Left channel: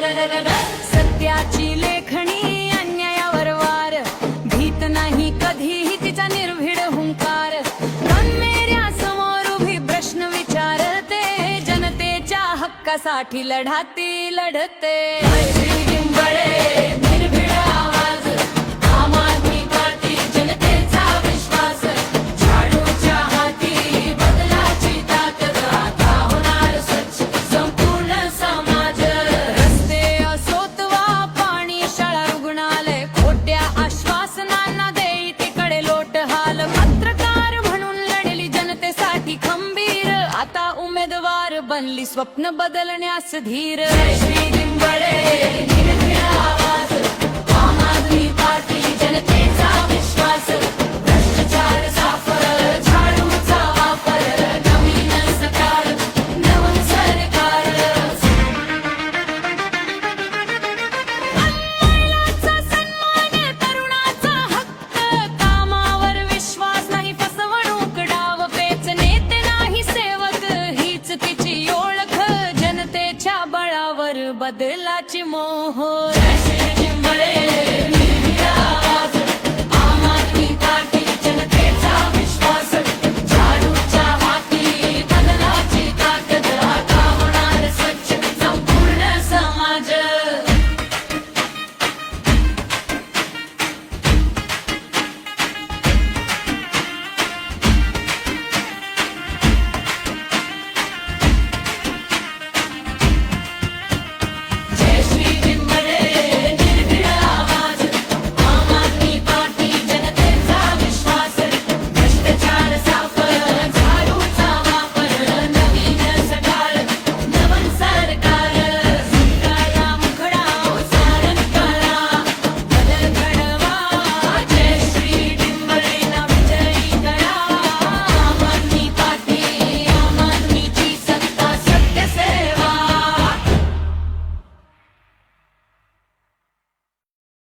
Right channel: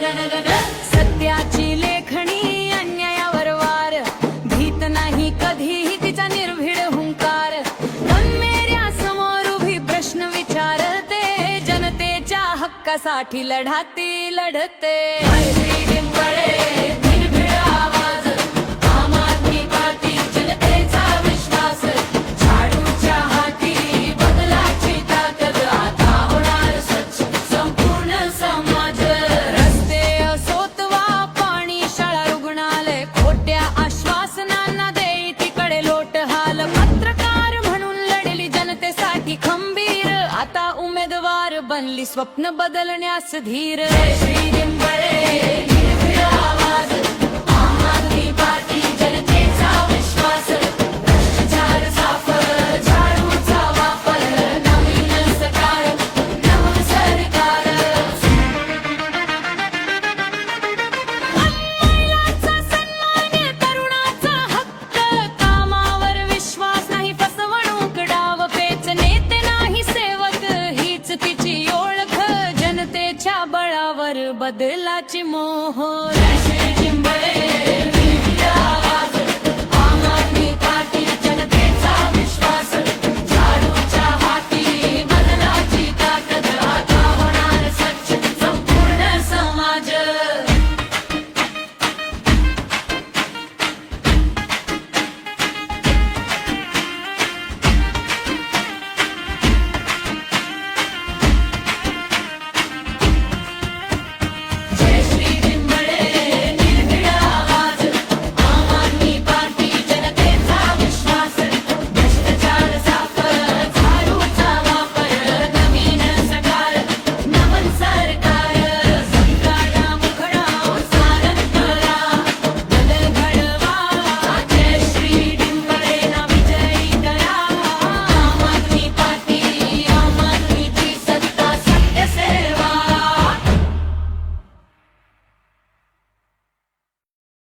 सत्याची लेखणी अन्यायावर वार. भीत नाही कधीही तिचा निर्भीड हुंकार. कन्मेऱ्या समोर उभी प्रश्न विचारते. जनतेच्या हक्कासाठी लढाती लढते. श्री डिंबळे खोट्या आश्वासनांना देई तिकडे लोट हाल. पत्रकार म्हणून लढली जनतेसाठी खंबीर. आता उमेदवार बनली स्वप्न बदलण्यास धीर. श्री दिंबळे ओळख जनतेच्या बळावर बदलाची मोहोर.